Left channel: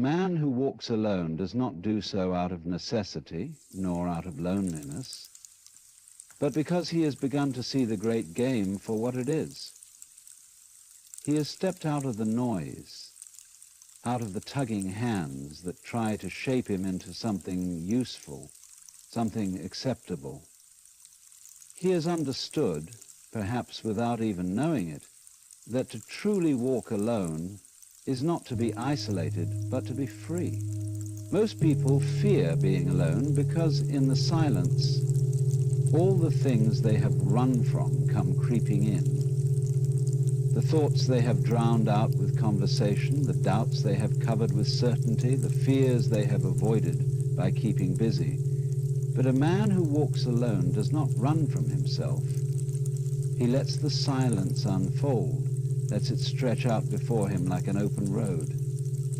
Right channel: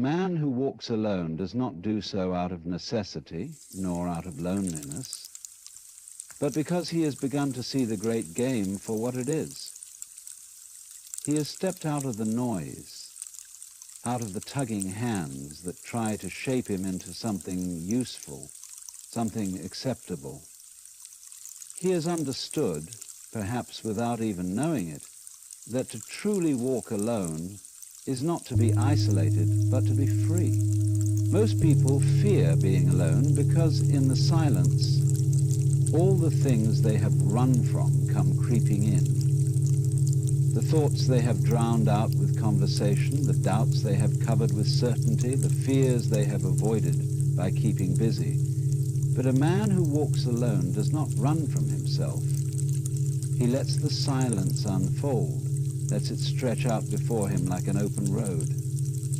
man who walks alone does not do so out of necessity, nor out of loneliness, but because he has begun to see the great game for what it is. He has stepped out of the noise, out of the tugging hands that try to shape him into something useful, something acceptable. He has understood, perhaps without even knowing it, that to truly walk alone is not to be isolated, but to be free. Most people fear being alone because in the silence, all the things they have run from come creeping in. The thoughts they have drowned out with conversation, the doubts they have covered with certainty, the fears they have avoided by keeping busy. But a man who walks alone does not run from himself. He lets the silence unfold, lets it stretch out before him like an open road,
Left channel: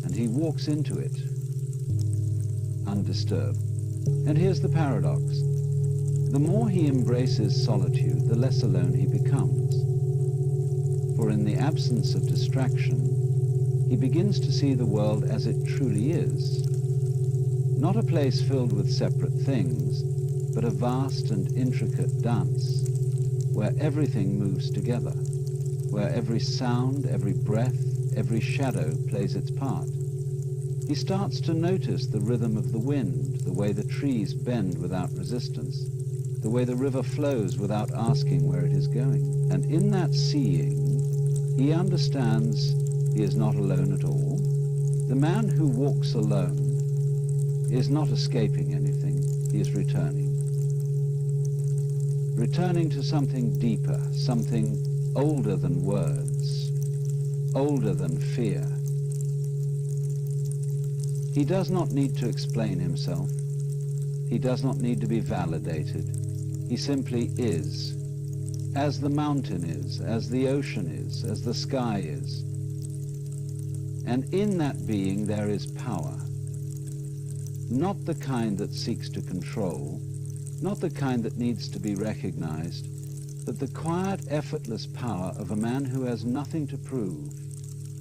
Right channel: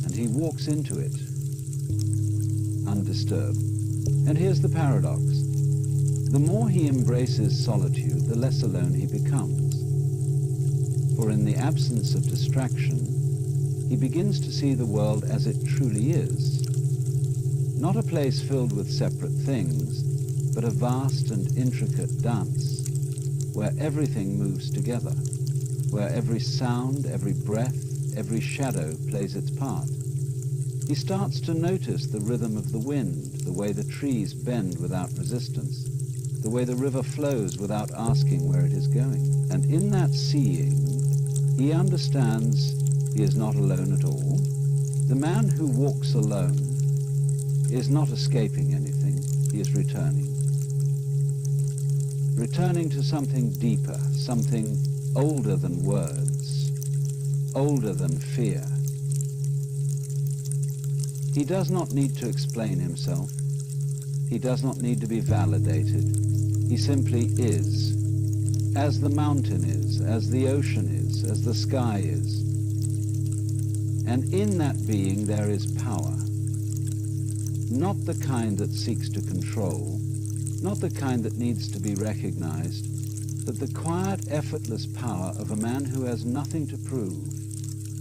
and he walks into it, undisturbed. And here's the paradox. The more he embraces solitude, the less alone he becomes. For in the absence of distraction, he begins to see the world as it truly is. Not a place filled with separate things, but a vast and intricate dance, where everything moves together, where every sound, every breath, every shadow plays its part. He starts to notice the rhythm of the wind, the way the trees bend without resistance, the way the river flows without asking where it is going. And in that seeing, he understands he is not alone at all. The man who walks alone is not escaping anything, he is returning. Returning to something deeper, something older than words, older than fear. He does not need to explain himself. He does not need to be validated. He simply is, as the mountain is, as the ocean is, as the sky is. And in that being there is power. Not the kind that seeks to control, not the kind that needs to be recognized, but the quiet, effortless power of a man who has nothing to prove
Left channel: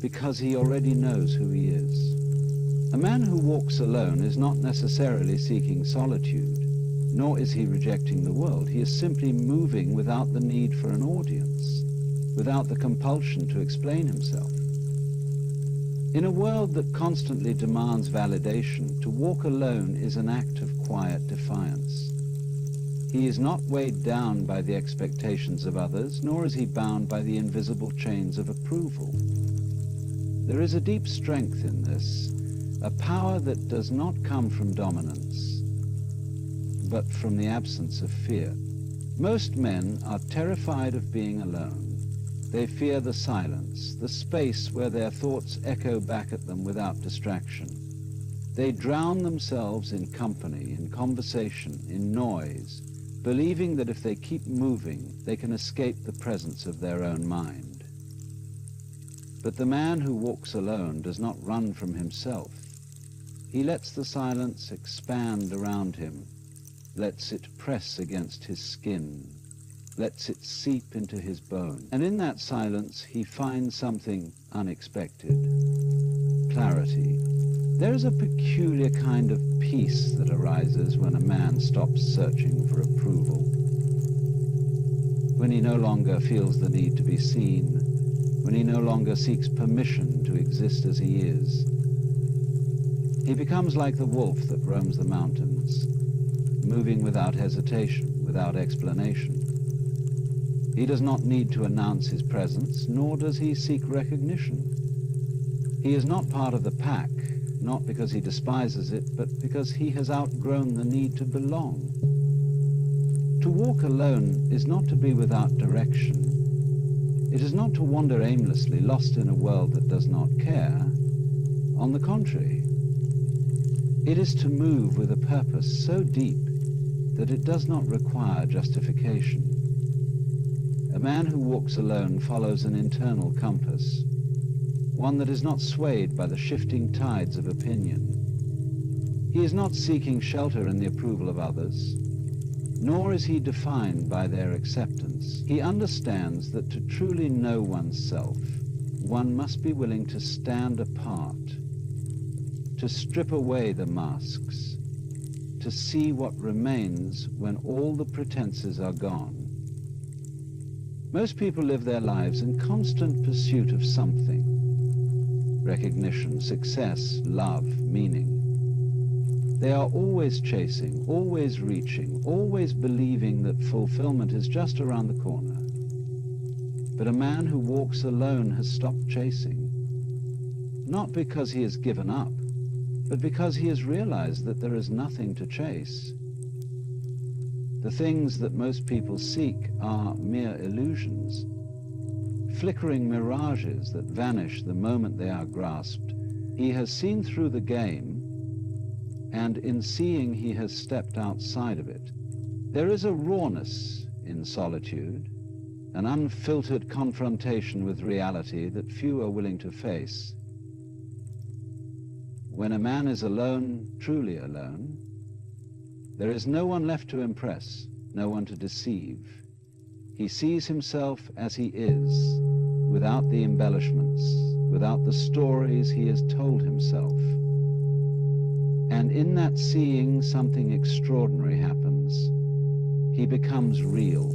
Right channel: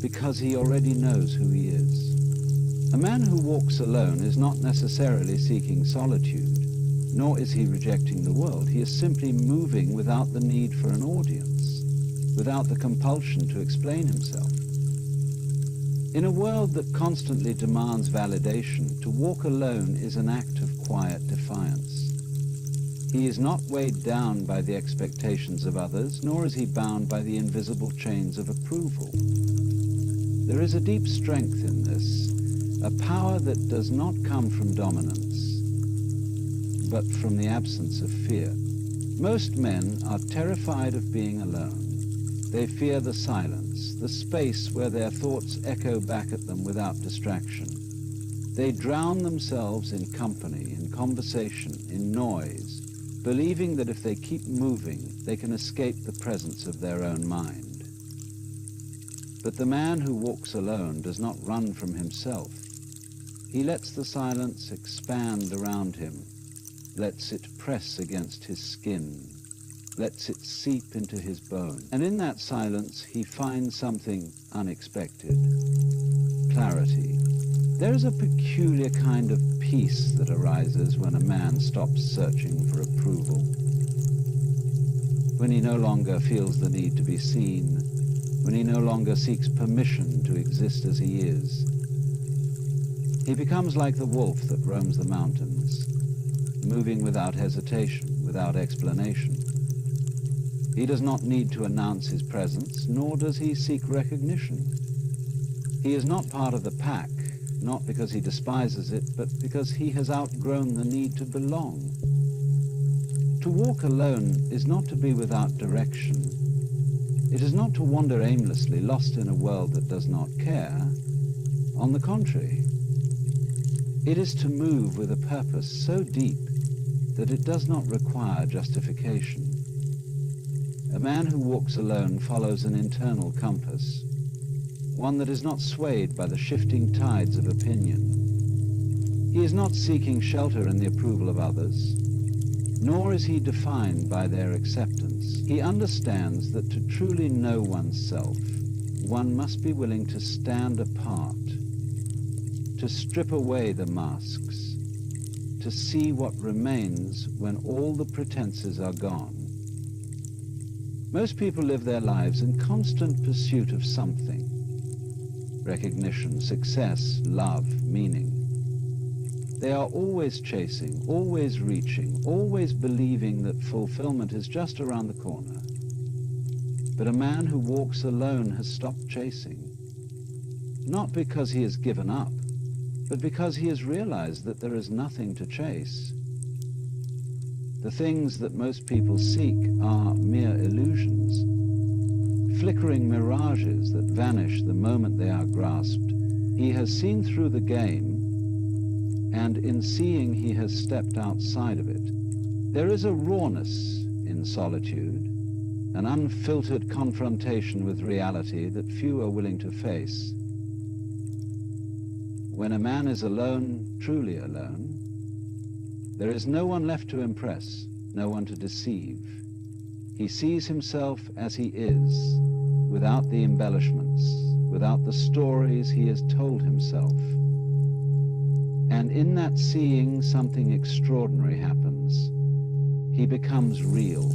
because he already knows who he is. A man who walks alone is not necessarily seeking solitude, nor is he rejecting the world. He is simply moving without the need for an audience, without the compulsion to explain himself. In a world that constantly demands validation, to walk alone is an act of quiet defiance. He is not weighed down by the expectations of others, nor is he bound by the invisible chains of approval. There is a deep strength in this, a power that does not come from dominance, but from the absence of fear. Most men are terrified of being alone. They fear the silence, the space where their thoughts echo back at them without distraction. They drown themselves in company, in conversation, in noise, believing that if they keep moving, they can escape the presence of their own mind. But the man who walks alone does not run from himself. He lets the silence expand around him, lets it press against his skin, lets it seep into his bone. And in that silence, he finds something unexpected: clarity. There is a peculiar kind of peace that arises when a man stops searching for approval, when he no longer feels the need to be seen, when he no longer seeks permission to exist as he is. He becomes like the wolf that roams the mountains, moving without hesitation, without explanation. He does not need to announce his presence, nor does he seek recognition. He is not part of the pack, not because he despises it, but because he has outgrown the need to belong. To walk alone is not to be without direction. It is not to wander aimlessly, lost in a world that does not care. On the contrary, it is to move with a purpose so deep that it does not require justification. A man who walks alone follows an internal compass, one that is not swayed by the shifting tides of opinion. He is not seeking shelter in the approval of others, nor is he defined by their acceptance. He understands that to truly know oneself, one must be willing to stand apart, to strip away the masks, to see what remains when all the pretenses are gone. Most people live their lives in constant pursuit of something: recognition, success, love, meaning. They are always chasing, always reaching, always believing that fulfillment is just around the corner. But a man who walks alone has stopped chasing, not because he has given up, but because he has realized that there is nothing to chase. The things that most people seek are mere illusions, flickering mirages that vanish the moment they are grasped. He has seen through the game, and in seeing he has stepped outside of it. There is a rawness in solitude, an unfiltered confrontation with reality that few are willing to face. When a man is alone, truly alone, there is no one left to impress, no one to deceive. He sees himself as he is, without the embellishments, without the stories he has told himself. And in that seeing, something extraordinary happens. He becomes real.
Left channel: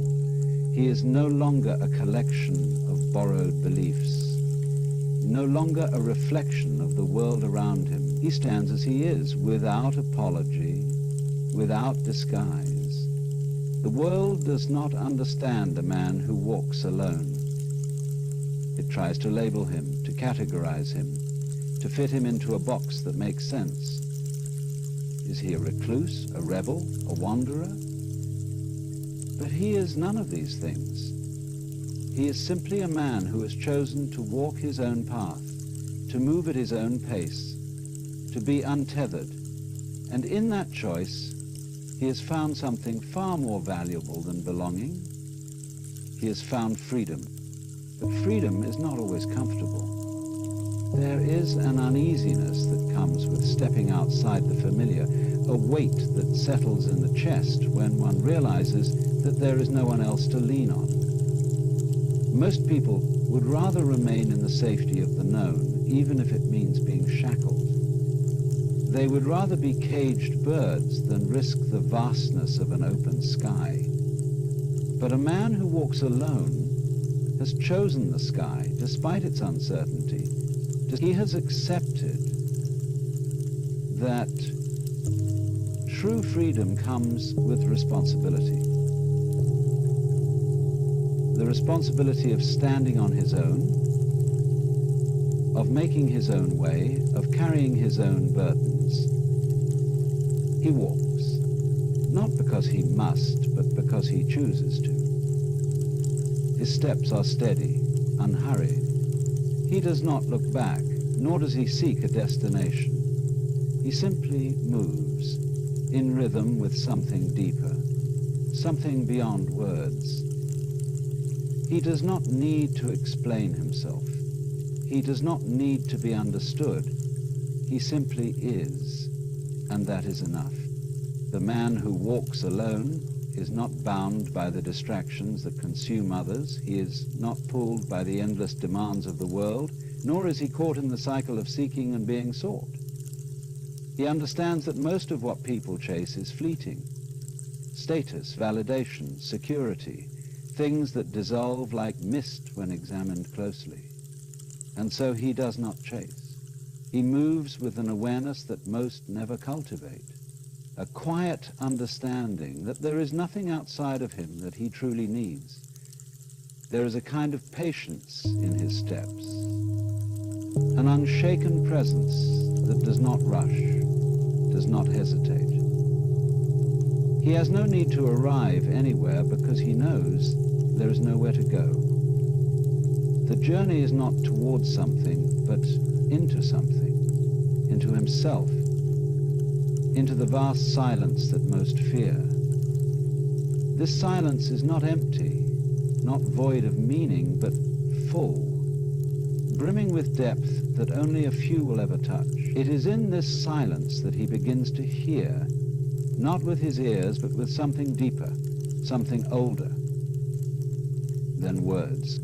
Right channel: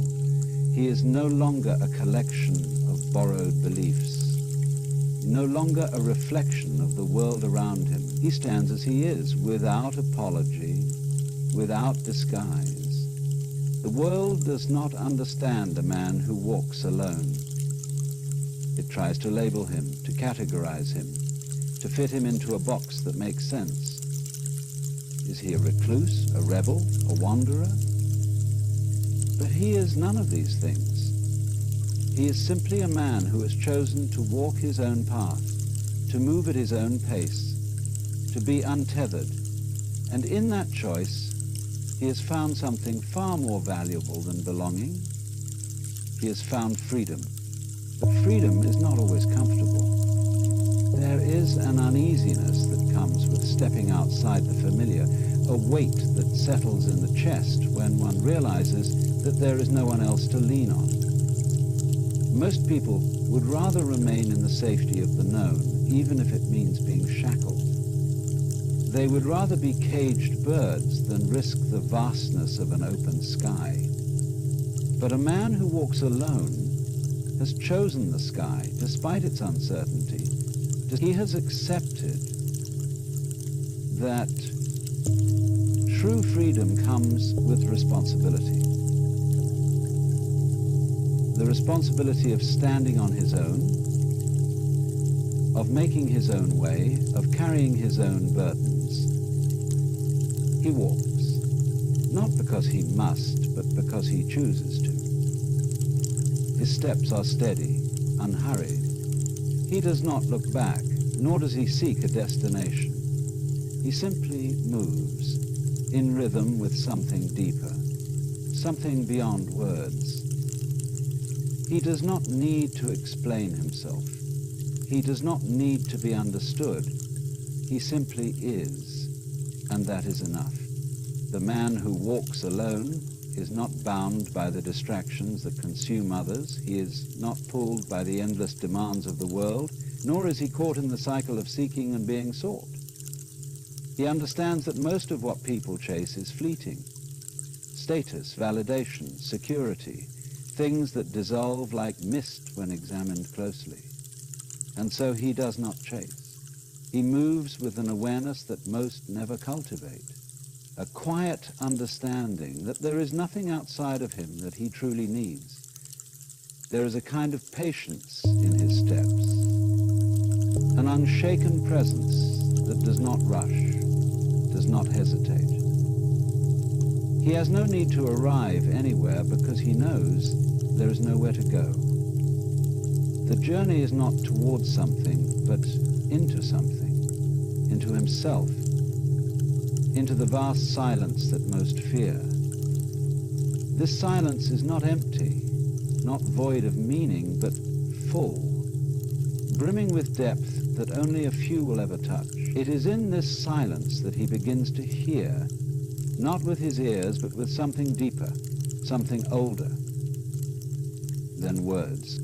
He is no longer a collection of borrowed beliefs, no longer a reflection of the world around him. He stands as he is, without apology, without disguise. The world does not understand a man who walks alone. It tries to label him, to categorize him, to fit him into a box that makes sense. Is he a recluse, a rebel, a wanderer? But he is none of these things. He is simply a man who has chosen to walk his own path, to move at his own pace, to be untethered. And in that choice, he has found something far more valuable than belonging. He has found freedom. But freedom is not always comfortable. There is an uneasiness that comes with stepping outside the familiar, a weight that settles in the chest when one realizes that there is no one else to lean on. Most people would rather remain in the safety of the known, even if it means being shackled. They would rather be caged birds than risk the vastness of an open sky. But a man who walks alone has chosen the sky, despite its uncertainty. He has accepted that true freedom comes with responsibility. The responsibility of standing on his own, of making his own way, of carrying his own burdens. He walks, not because he must, but because he chooses to. His steps are steady, unhurried. He does not look back, nor does he seek a destination. He simply moves, in rhythm with something deeper, something beyond words. He does not need to explain himself. He does not need to be understood. He simply is, and that is enough. The man who walks alone is not bound by the distractions that consume others. He is not pulled by the endless demands of the world, nor is he caught in the cycle of seeking and being sought. He understands that most of what people chase is fleeting. Status, validation, security, things that dissolve like mist when examined closely. And so he does not chase. He moves with an awareness that most never cultivate. A quiet understanding that there is nothing outside of him that he truly needs. There is a kind of patience in his steps, an unshaken presence that does not rush, does not hesitate. He has no need to arrive anywhere because he knows there is nowhere to go. The journey is not towards something, but into something, into himself, into the vast silence that most fear. This silence is not empty, not void of meaning, but full, brimming with depth that only a few will ever touch. It is in this silence that he begins to hear, not with his ears, but with something deeper, something older than words.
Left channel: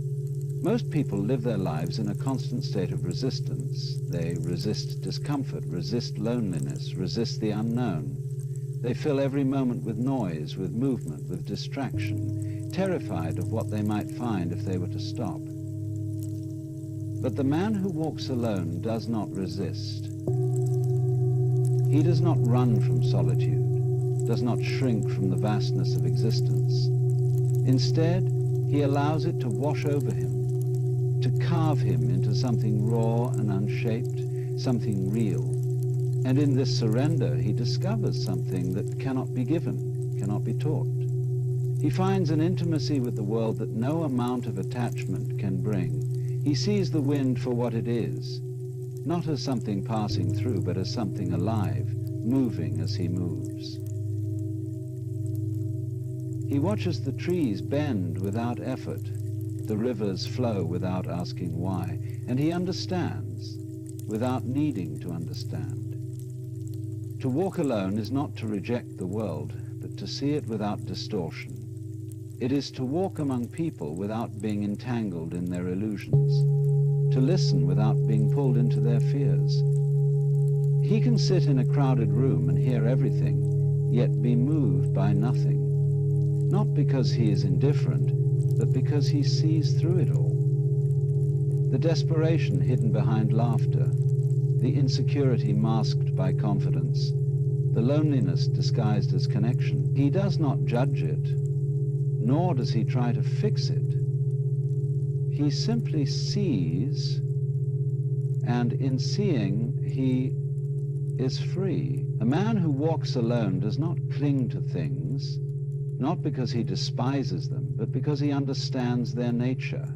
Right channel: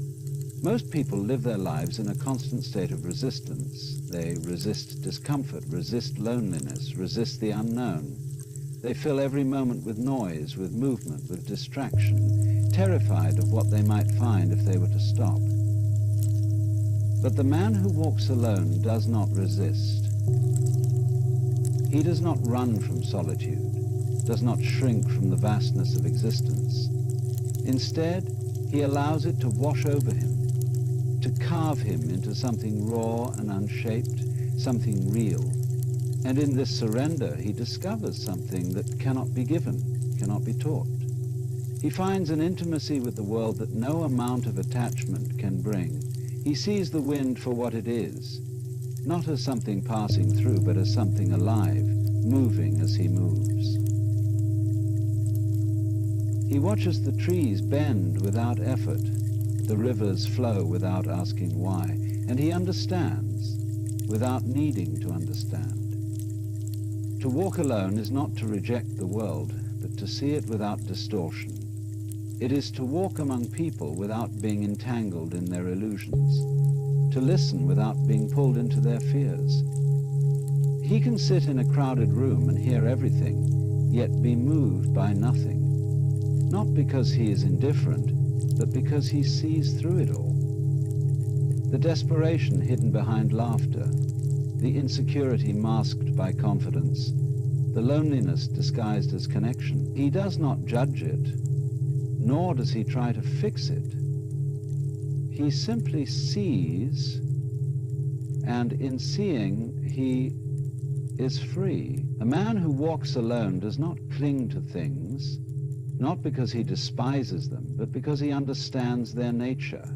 Most people live their lives in a constant state of resistance. They resist discomfort, resist loneliness, resist the unknown. They fill every moment with noise, with movement, with distraction, terrified of what they might find if they were to stop. But the man who walks alone does not resist. He does not run from solitude, does not shrink from the vastness of existence. Instead, he allows it to wash over him, to carve him into something raw and unshaped, something real. And in this surrender, he discovers something that cannot be given, cannot be taught. He finds an intimacy with the world that no amount of attachment can bring. He sees the wind for what it is, not as something passing through, but as something alive, moving as he moves. He watches the trees bend without effort, the rivers flow without asking why, and he understands without needing to understand. To walk alone is not to reject the world, but to see it without distortion. It is to walk among people without being entangled in their illusions, to listen without being pulled into their fears. He can sit in a crowded room and hear everything, yet be moved by nothing, not because he is indifferent, but because he sees through it all. The desperation hidden behind laughter, the insecurity masked by confidence, the loneliness disguised as connection. He does not judge it, nor does he try to fix it. He simply sees, and in seeing, he is free. A man who walks alone does not cling to things, not because he despises them, but because he understands their nature.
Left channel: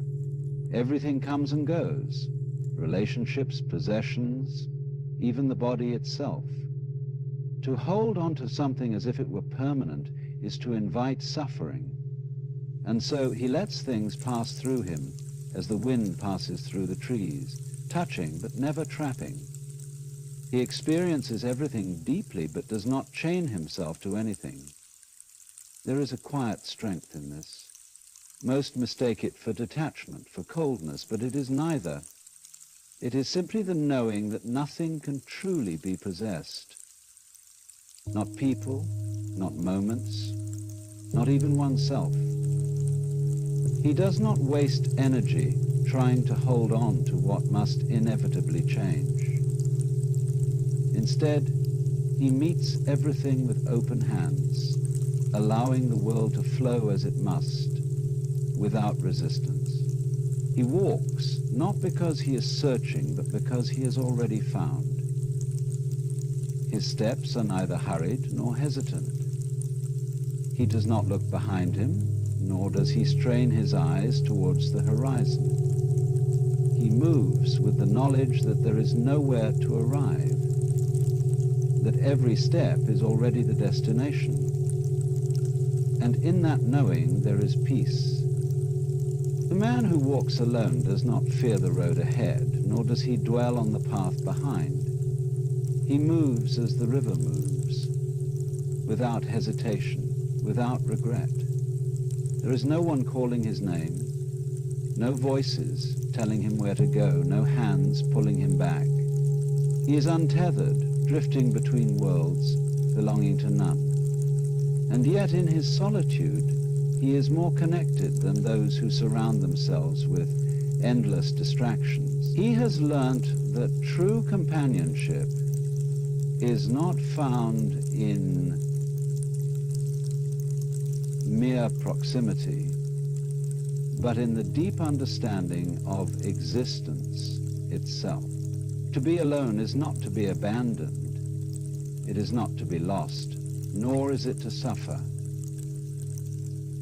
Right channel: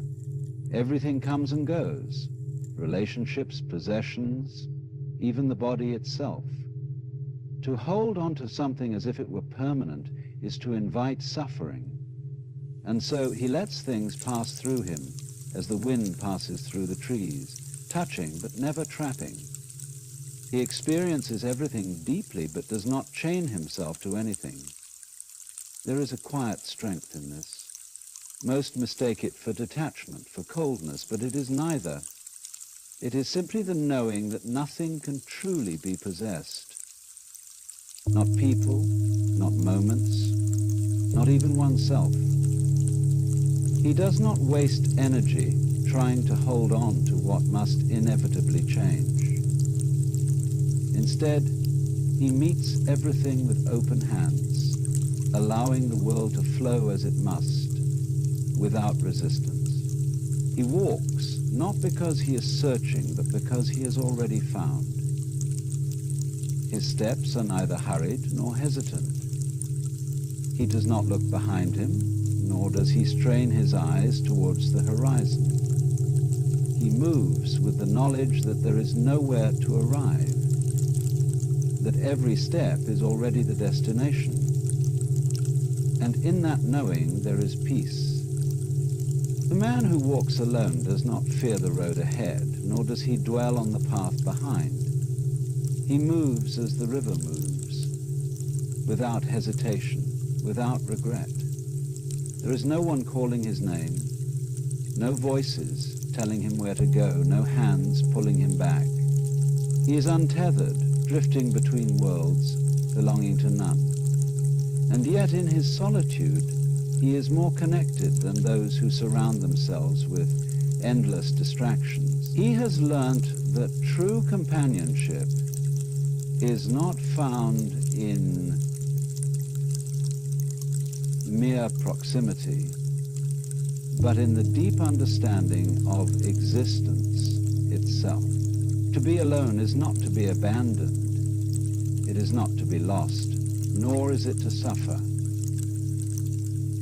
Everything comes and goes, relationships, possessions, even the body itself. To hold on to something as if it were permanent is to invite suffering. And so he lets things pass through him as the wind passes through the trees, touching but never trapping. He experiences everything deeply but does not chain himself to anything. There is a quiet strength in this. Most mistake it for detachment, for coldness, but it is neither. It is simply the knowing that nothing can truly be possessed. Not people, not moments, not even oneself. He does not waste energy trying to hold on to what must inevitably change. Instead, he meets everything with open hands, allowing the world to flow as it must, without resistance. He walks, not because he is searching, but because he has already found. His steps are neither hurried nor hesitant. He does not look behind him, nor does he strain his eyes towards the horizon. He moves with the knowledge that there is nowhere to arrive, that every step is already the destination. And in that knowing there is peace. The man who walks alone does not fear the road ahead, nor does he dwell on the path behind. He moves as the river moves, without hesitation, without regret. There is no one calling his name, no voices telling him where to go, no hands pulling him back. He is untethered, drifting between worlds, belonging to none. And yet in his solitude, he is more connected than those who surround themselves with endless distractions. He has learnt that true companionship is not found in mere proximity, but in the deep understanding of existence itself. To be alone is not to be abandoned. It is not to be lost, nor is it to suffer.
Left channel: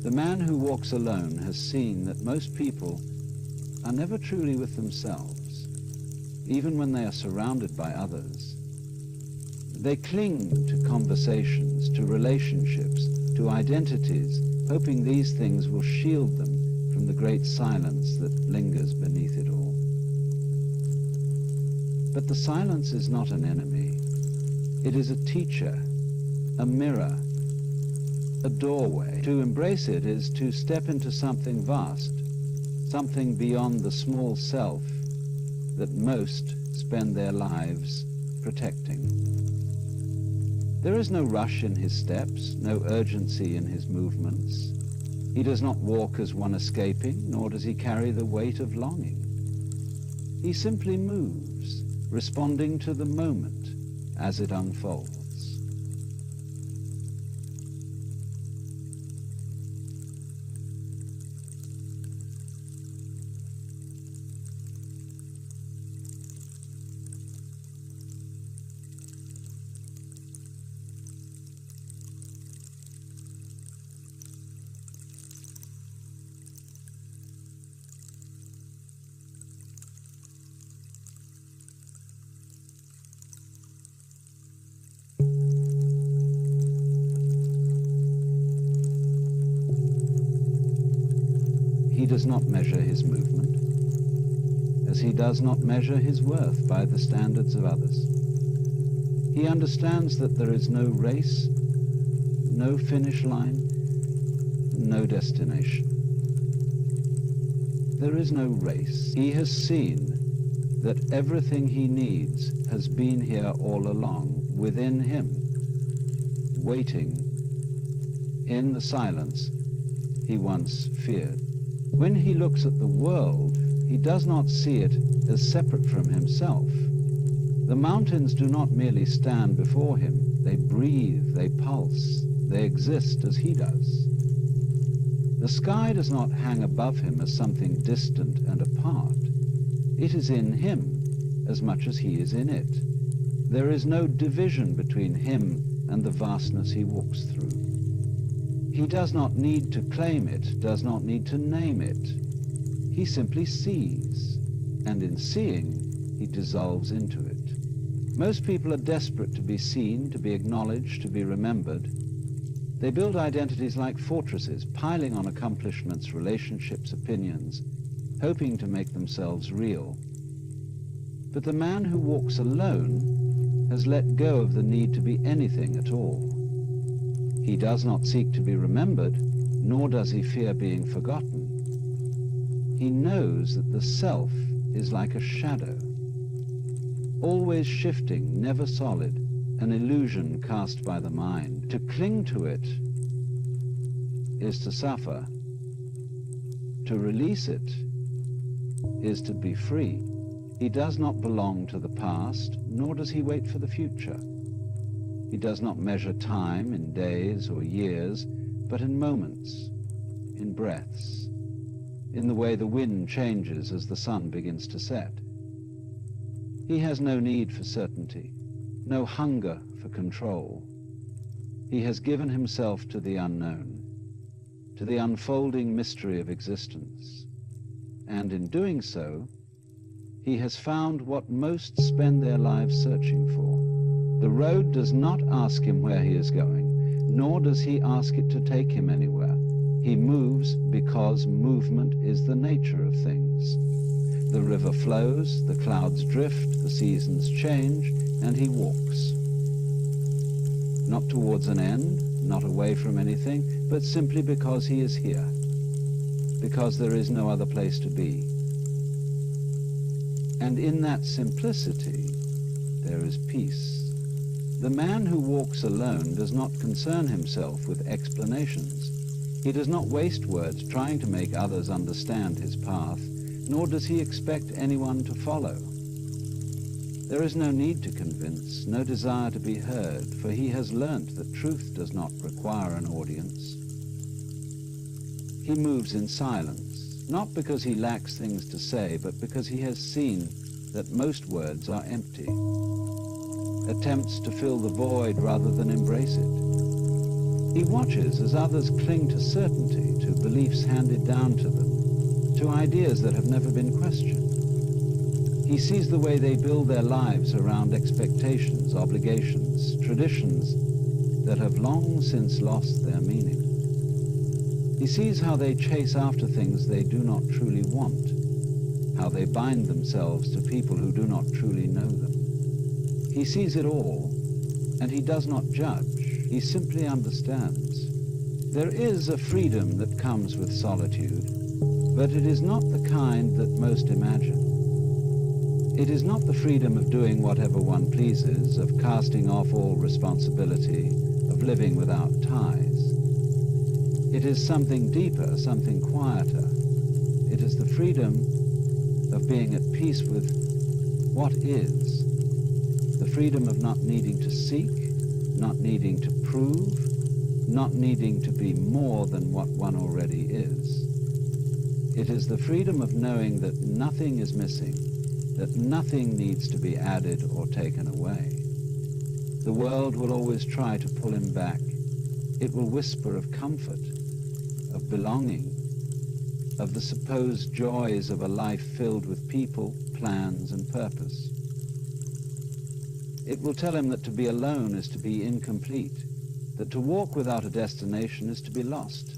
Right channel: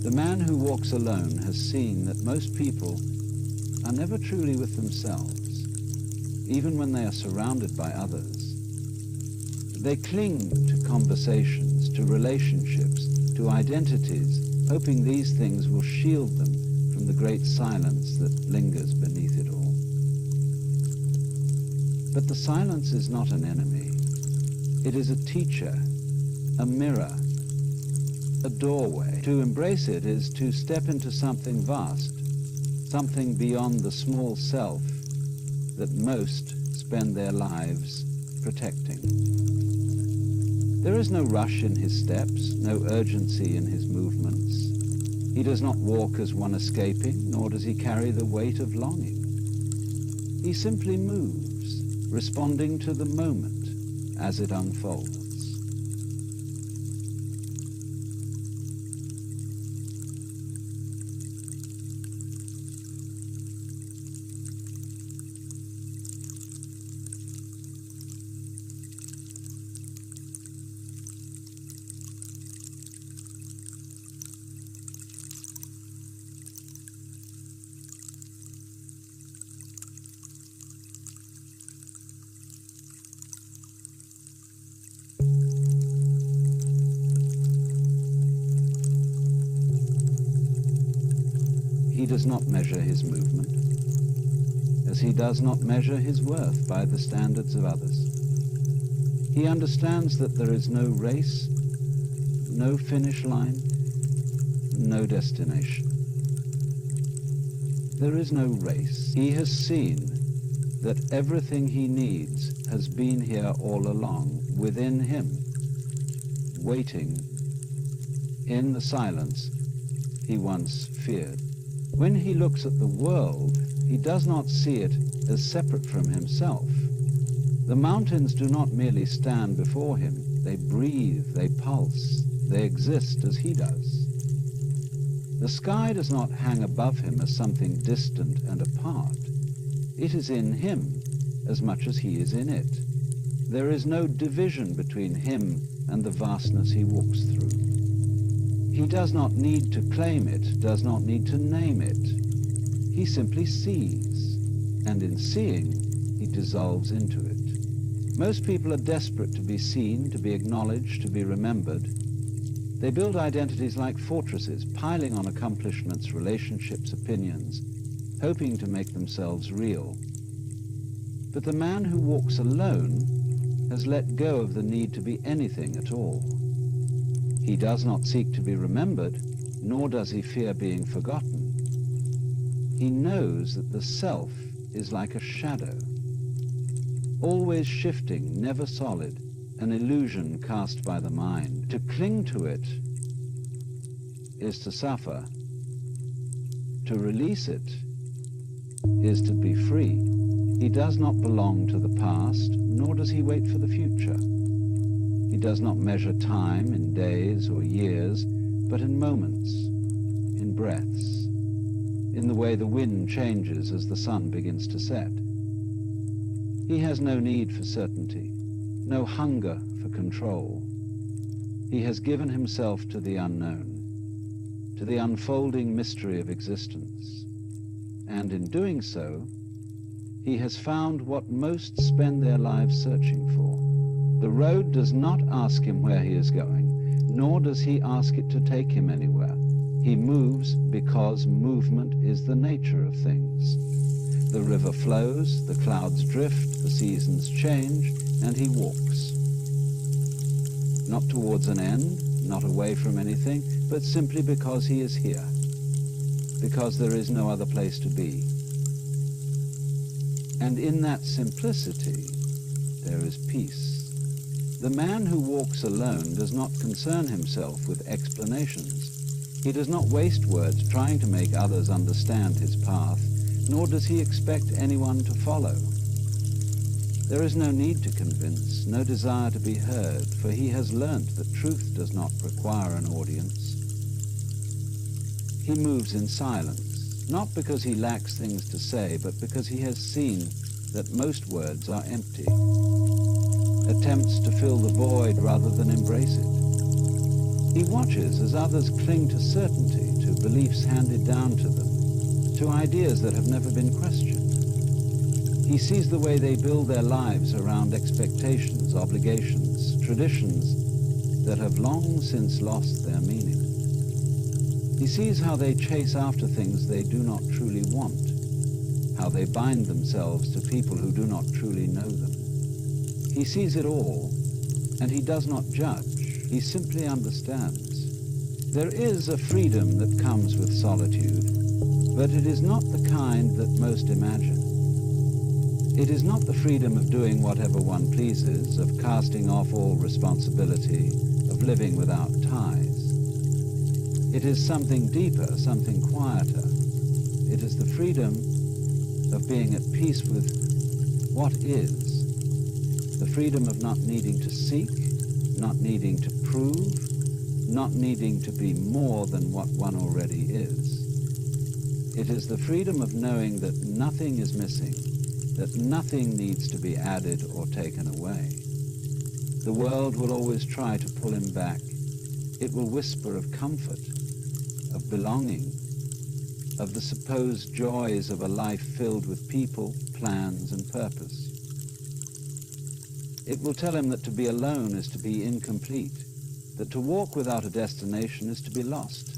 The man who walks alone has seen that most people are never truly with themselves, even when they are surrounded by others. They cling to conversations, to relationships, to identities, hoping these things will shield them from the great silence that lingers beneath it all. But the silence is not an enemy. It is a teacher, a mirror, a doorway. To embrace it is to step into something vast, something beyond the small self that most spend their lives protecting. There is no rush in his steps, no urgency in his movements. He does not walk as one escaping, nor does he carry the weight of longing. He simply moves, responding to the moment as it unfolds. He does not measure his movement, as he does not measure his worth by the standards of others. He understands that there is no race, no finish line, no destination. There is no race. He has seen that everything he needs has been here all along, within him, waiting in the silence he once feared. When he looks at the world, he does not see it as separate from himself. The mountains do not merely stand before him. They breathe, they pulse, they exist as he does. The sky does not hang above him as something distant and apart. It is in him as much as he is in it. There is no division between him and the vastness he walks through. He does not need to claim it, does not need to name it. He simply sees, and in seeing, he dissolves into it. Most people are desperate to be seen, to be acknowledged, to be remembered. They build identities like fortresses, piling on accomplishments, relationships, opinions, hoping to make themselves real. But the man who walks alone has let go of the need to be anything at all. He does not seek to be remembered, nor does he fear being forgotten. He knows that the self is like a shadow, always shifting, never solid, an illusion cast by the mind. To cling to it is to suffer. To release it is to be free. He does not belong to the past, nor does he wait for the future. He does not measure time in days or years, but in moments, in breaths, in the way the wind changes as the sun begins to set. He has no need for certainty, no hunger for control. He has given himself to the unknown, to the unfolding mystery of existence, and in doing so, he has found what most spend their lives searching for. The road does not ask him where he is going, nor does he ask it to take him anywhere. He moves because movement is the nature of things. The river flows, the clouds drift, the seasons change, and he walks. Not towards an end, not away from anything, but simply because he is here, because there is no other place to be. And in that simplicity, there is peace. The man who walks alone does not concern himself with explanations. He does not waste words trying to make others understand his path, nor does he expect anyone to follow. There is no need to convince, no desire to be heard, for he has learnt that truth does not require an audience. He moves in silence, not because he lacks things to say, but because he has seen that most words are empty. Attempts to fill the void rather than embrace it. He watches as others cling to certainty, to beliefs handed down to them, to ideas that have never been questioned. He sees the way they build their lives around expectations, obligations, traditions that have long since lost their meaning. He sees how they chase after things they do not truly want, how they bind themselves to people who do not truly know them. He sees it all, and he does not judge. He simply understands. There is a freedom that comes with solitude, But it is not the kind that most imagine. It is not the freedom of doing whatever one pleases, of casting off all responsibility, of living without ties. It is something deeper, something quieter. It is the freedom of being at peace with what is, the freedom of not needing to seek, not needing to prove, not needing to be more than what one already is. It is the freedom of knowing that nothing is missing, that nothing needs to be added or taken away. The world will always try to pull him back. It will whisper of comfort, of belonging, of the supposed joys of a life filled with people, plans, and purpose. It will tell him that to be alone is to be incomplete, that to walk without a destination is to be lost.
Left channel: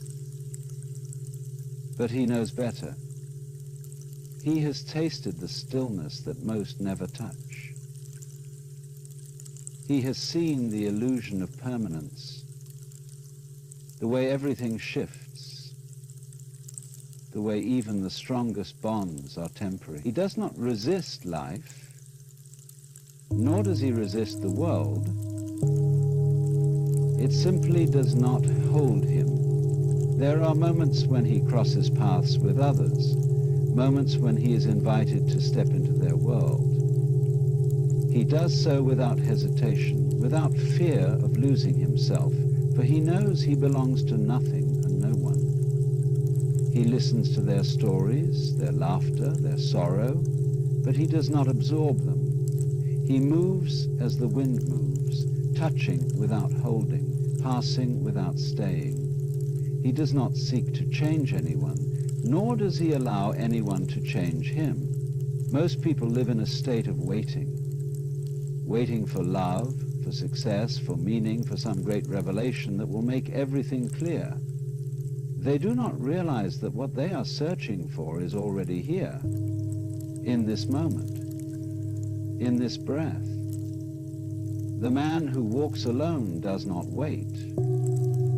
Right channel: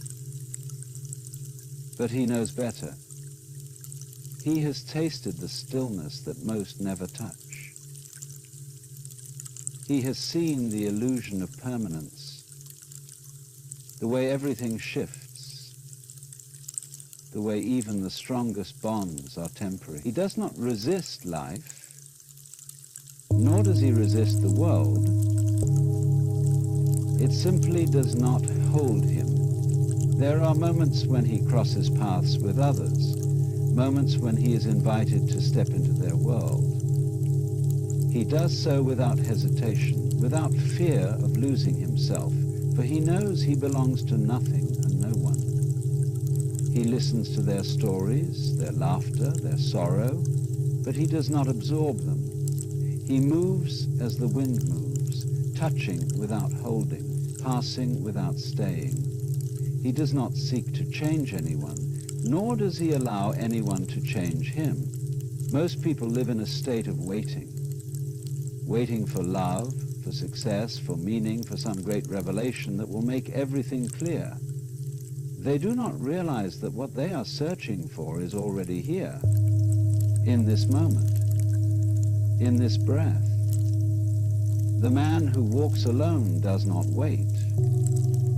But he knows better. He has tasted the stillness that most never touch. He has seen the illusion of permanence, the way everything shifts, the way even the strongest bonds are temporary. He does not resist life, nor does he resist the world. It simply does not hold him. There are moments when he crosses paths with others, moments when he is invited to step into their world. He does so without hesitation, without fear of losing himself, for he knows he belongs to nothing and no one. He listens to their stories, their laughter, their sorrow, but he does not absorb them. He moves as the wind moves, touching without holding, passing without staying. He does not seek to change anyone, nor does he allow anyone to change him. Most people live in a state of waiting for love, for success, for meaning, for some great revelation that will make everything clear. They do not realize that what they are searching for is already here, in this moment, in this breath. The man who walks alone does not wait.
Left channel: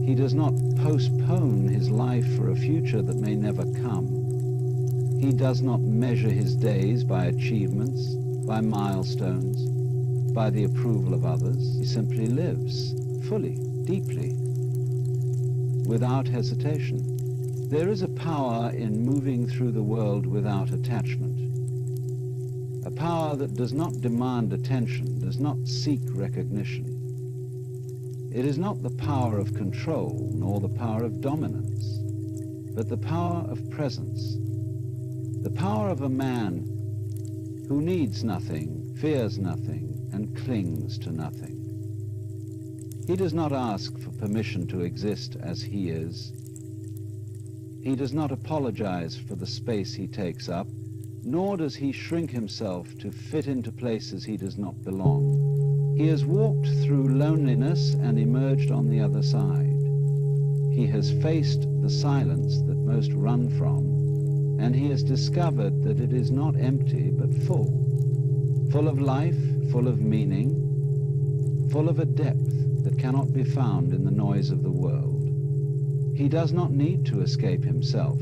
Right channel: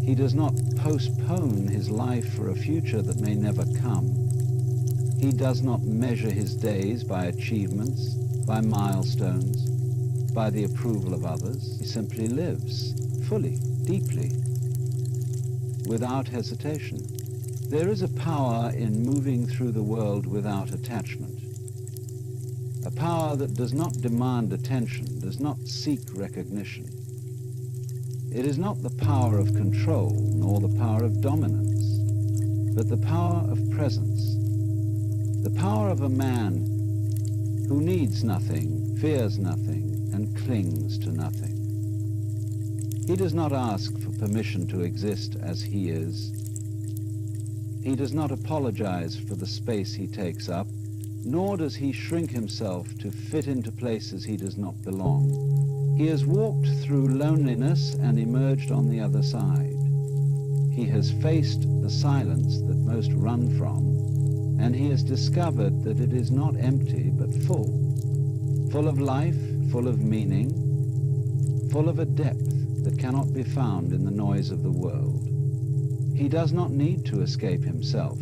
He does not postpone his life for a future that may never come. He does not measure his days by achievements, by milestones, by the approval of others. He simply lives, fully, deeply, without hesitation. There is a power in moving through the world without attachment. A power that does not demand attention, does not seek recognition. It is not the power of control, nor the power of dominance, but the power of presence. The power of a man who needs nothing, fears nothing, and clings to nothing. He does not ask for permission to exist as he is. He does not apologize for the space he takes up, nor does he shrink himself to fit into places he does not belong. He has walked through loneliness and emerged on the other side. He has faced the silence that most run from, and he has discovered that it is not empty but full of life, full of meaning, full of a depth that cannot be found in the noise of the world. He does not need to escape himself,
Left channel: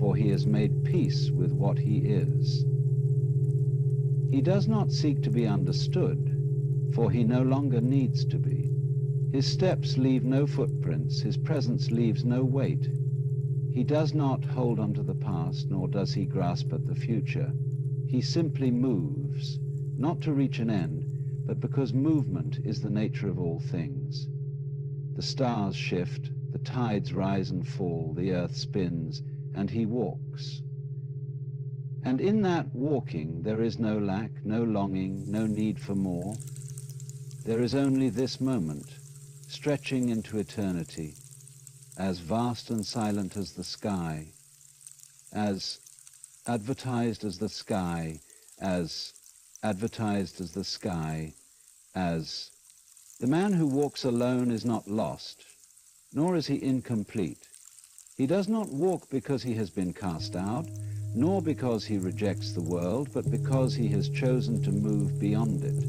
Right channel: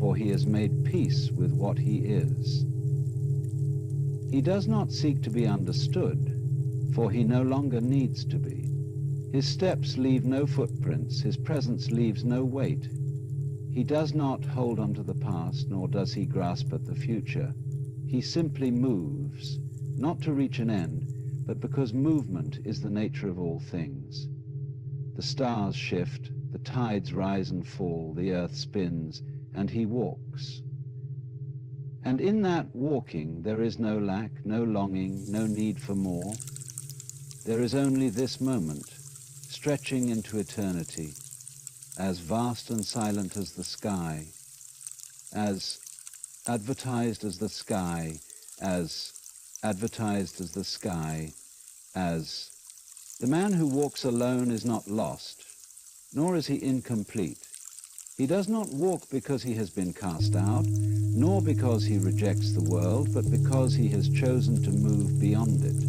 for he has made peace with what he is. He does not seek to be understood, for he no longer needs to be. His steps leave no footprints, his presence leaves no weight. He does not hold on to the past, nor does he grasp at the future. He simply moves, not to reach an end, but because movement is the nature of all things. The stars shift, the tides rise and fall, the earth spins, and he walks. And in that walking there is no lack, no longing, no need for more. There is only this moment, stretching into eternity, as vast and silent as the sky, as advertised as the sky, as advertised as the sky, as the man who walks alone is not lost, nor is he incomplete. He does not walk because he has been cast out, nor because he rejects the world, but because he has chosen to move beyond it.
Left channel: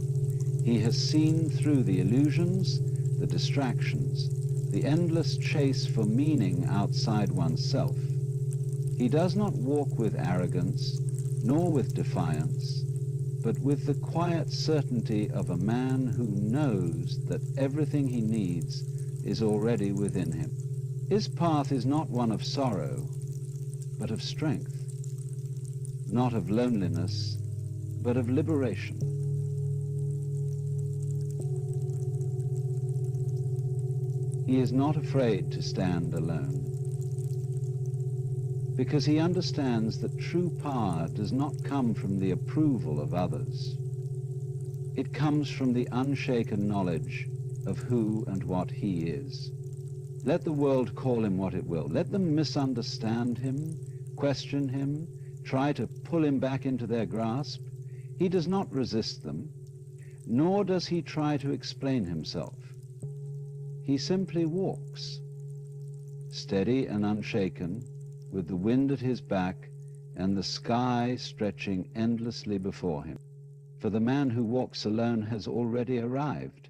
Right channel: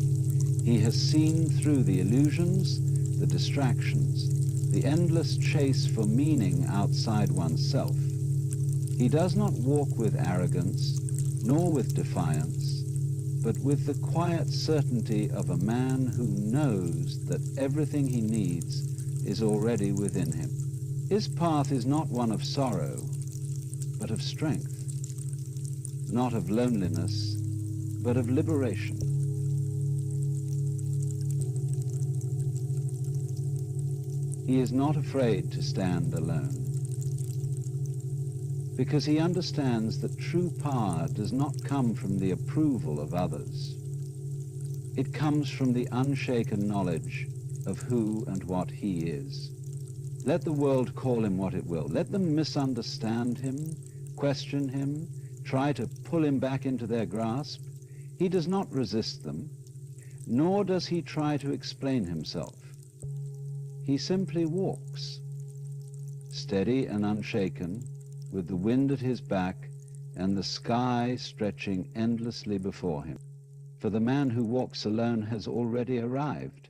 He has seen through the illusions, the distractions, the endless chase for meaning outside oneself. He does not walk with arrogance, nor with defiance, but with the quiet certainty of a man who knows that everything he needs is already within him. His path is not one of sorrow, but of strength, not of loneliness, but of liberation. He is not afraid to stand alone, because he understands that true power does not come from the approval of others. It comes from the unshaken knowledge of who and what he is. Let the world call him what it will. Let them misunderstand him, question him, try to pull him back into their grasp. He does not resist them, nor does he try to explain himself. He simply walks, steady and unshaken, with the wind at his back and the sky stretching endlessly before him. For the man who walks alone has already arrived.